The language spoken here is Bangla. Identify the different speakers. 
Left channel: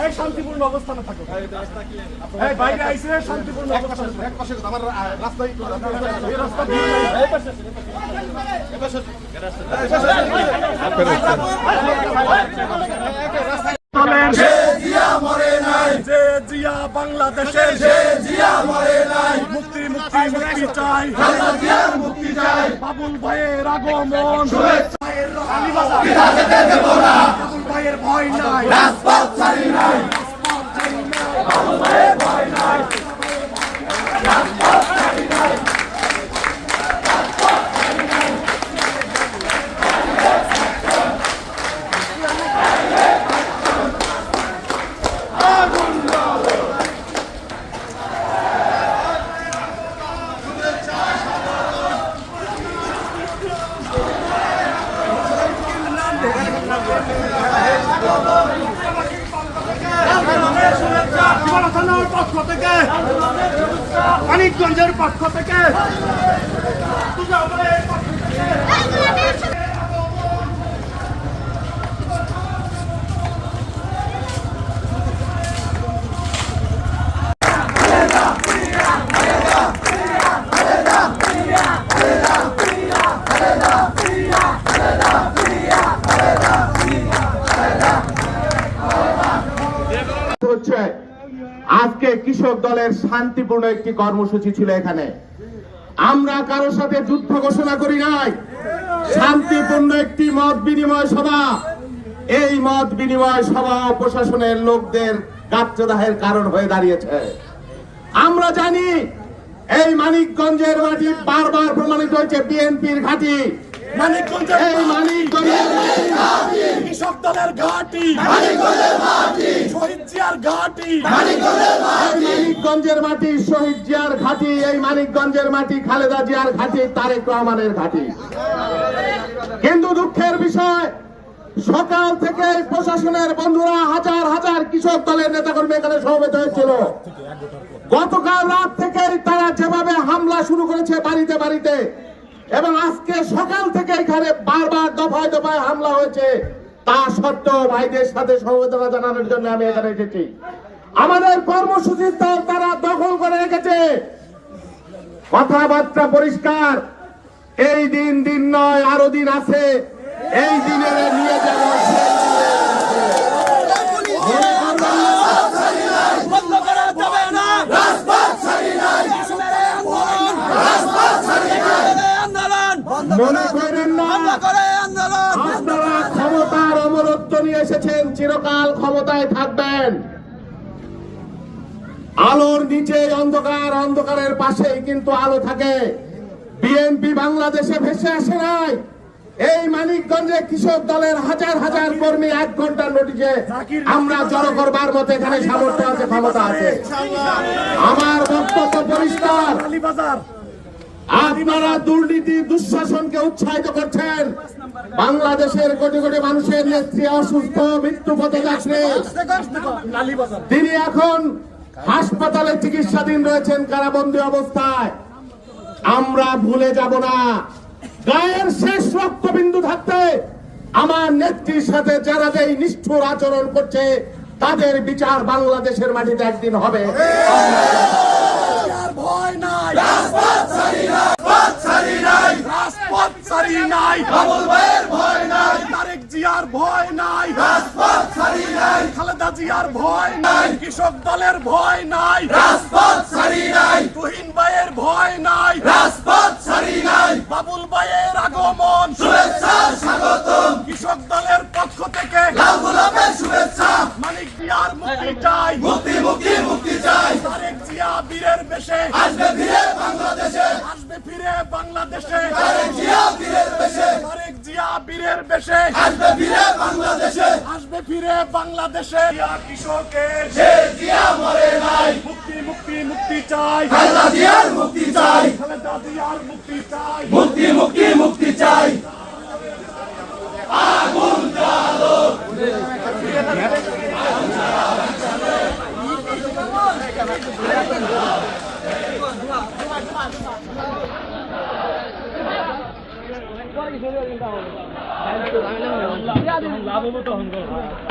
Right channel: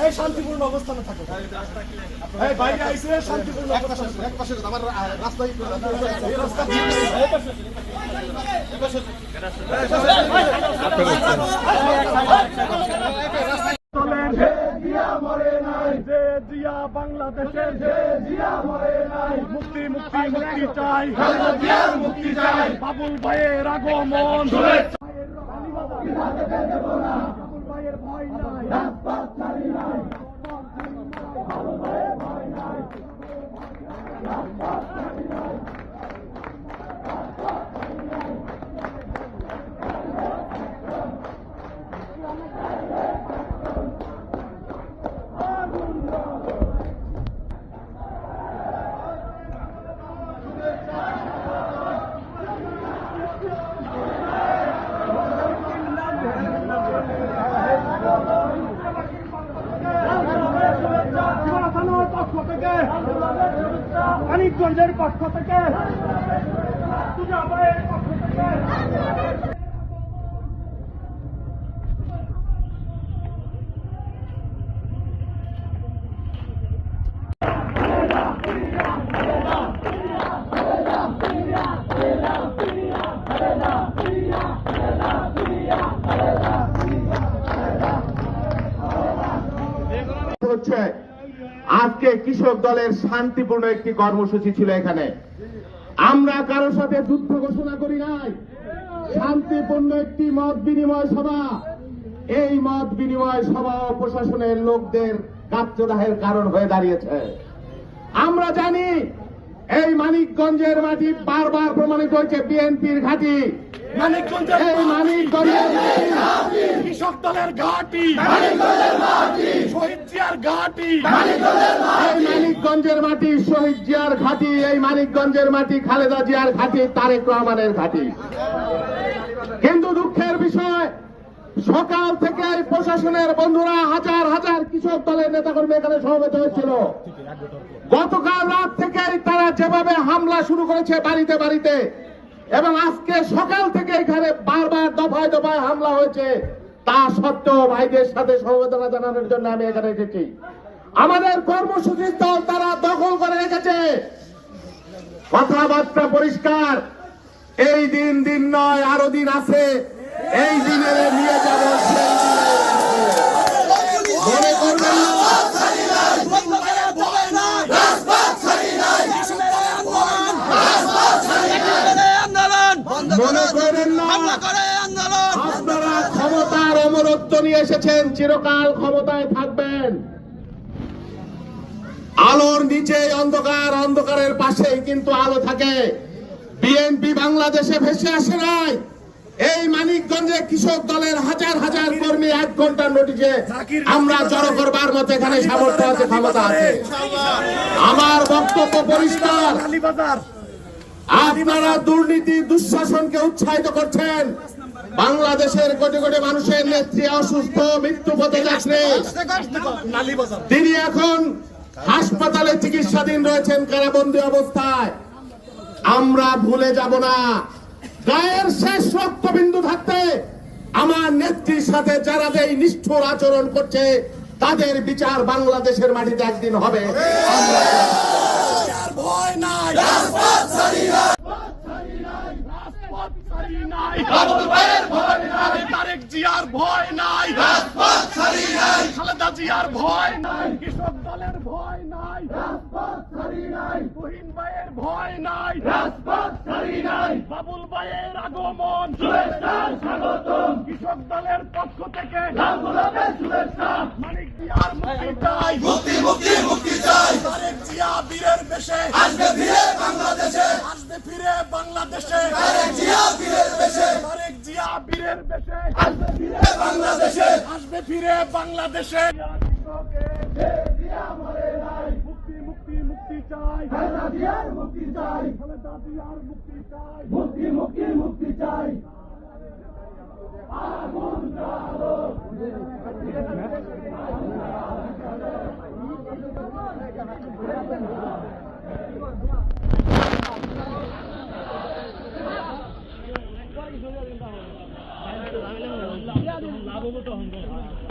Speaker 1: এই শান্তিপূর্ণ অবস্থানে থাকো এই বাইরে আইসে শান্তিপূর্ণ অবস্থানে।
Speaker 2: এক পাশে আমার রাস্তায়
Speaker 1: এই রাস্তা। এই পাশে। যে জিয়া বাংলাদেশে মুক্তি মুক্তি মুক্তি চাই বাবুল ভাইয়ের আগমন নাই সীমানা থানার পক্ষ থেকে মানিকগঞ্জের পক্ষ থেকে পক্ষ থেকে
Speaker 2: হচ্ছে আজকে দলের শান্তিপূর্ণ একটি কর্মসূচি ছিল এখানে। আমরা কারোর সাথে যুদ্ধ ঘোষণা করি নাই। শান্তিপূর্ণ একটি মত বিনিময় সভা। এই মত বিনিময় সভা প্রশাসনের লোকদের কার্যদাহের কারণ হয়ে দাঁড়িয়েছে। আমরা জানি, এই মানিকগঞ্জের মাটি বারবার প্রমাণিত হয়েছে, বিএনপির ঘাঁটি।
Speaker 1: মানিকগঞ্জের কৃষক দলের ঘাটি। শহীদ জিয়ার ঘাটি।
Speaker 2: মানিকগঞ্জের মাটি শহীদ জিয়ার ঘাটি এই মানিকগঞ্জের মাটি খালেদা জিয়ার ঘাটি তারেক রহমানের ঘাটি। কিন্তু দুঃখের বিষয় সকাল থেকে প্রশাসনের বন্ধুরা হাজার হাজার কৃষক দলের নেতাকর্মী এখানে সমবেত হয়েছিল। গতকাল রাত থেকে তারা যেভাবে হামলা শুরু করেছে বাড়িতে বাড়িতে এবং আজকে সকাল থেকে এখানে বারবার দফায় দফায় হামলা হয়েছে। তা সত্ত্বেও ভাইদের সাথে সমবেদনা জানানোর জন্য আমি এখানে এসেছি। আমাদের কর্মসূচির দল তারা দখল করে রেখেছে। কথাবার্তা পরিষ্কার। এই দিন দিন নয়, আরও দিন আছে এই দিনের নিয়ে যাব সেই দিনে। মনে করবেন না,
Speaker 1: বন্ধ করা যাবে না কৃষকের আন্দোলন আন্দোলন বন্ধ
Speaker 2: মনে করেন না
Speaker 1: করে আন্দোলন
Speaker 2: আপনারা ক্ষমতার অমরত্ব নিয়ে এসেছেন চিরকাল ক্ষমতায় থাকবেন। আলোর নিচে অন্ধকার অন্ধকারের পাশেই কিন্তু আলো থাকে। বিএনপি বাংলাদেশে ভেসে আসে নাই। এই মানিকগঞ্জে কৃষক দলের হাজার হাজার কর্মী এক ঘণ্টার নোটিশে আমরা জড়ো করবার মতো এখানে সামর্থ্য আছে ক্ষমতা আছে। আমার বক্তব্য পরিষ্কার। আপনারা দুর্নীতি, দুঃশাসনকে উৎসাহিত করছেন। বাংলাদেশের কোটি কোটি মানুষের নেত্রী অসুস্থ, মৃত্যু পথে যাচ্ছে। তিনি এখন হাসপাতালে চিকিৎসাধীন রয়েছেন, কারাবন্দী অবস্থায়। আমরা ভুলে যাব না। গায়ের শেষ রক্তবিন্দু থাকতে আমার নেত্রীর সাথে যারা যে নিষ্ঠুর আচরণ করছে, তাদের বিচার বাংলাদেশের মাটিতে একদিন হবে।
Speaker 1: ভয় নাই। রাজপথ সারি নাই বাবুল ভাইয়ের ভয় নাই, তারেক জিয়ার ভয় নাই। রাজপথ সারি নাই, খালেদা জিয়ার ভয় নাই, কৃষক দলের ভয় নাই। রাজপথ ছাড়ি নাই তুহিন ভাইয়ের ভয় নাই রাজপথ ছাড়ি নাই বাবুল ভাইয়ের আগমন শুভেচ্ছা স্বাগতম কৃষক দলের পক্ষ থেকে লাল গোলাপের শুভেচ্ছা। মানিক জিয়ার মুক্তি চাই। মুক্তি মুক্তি মুক্তি চাই। তারেক জিয়া বীরের বেশে। আসবে ফিরে বাংলাদেশে। আসবে ফিরে বাংলাদেশে। তারেক জিয়া বীরের বেশে। তারেক জিয়া বীরের বেশে। আসবে ফিরে বাংলাদেশে। আসবে ফিরে বাংলাদেশে। জিয়া কৃষকের সে জিয়া মরে নাই। মুক্তি মুক্তি মুক্তি চাই। খালেদা জিয়ার মুক্তি চাই। খালেদা জিয়ার মুক্তি চাই। মুক্তি মুক্তি মুক্তি চাই। 我等你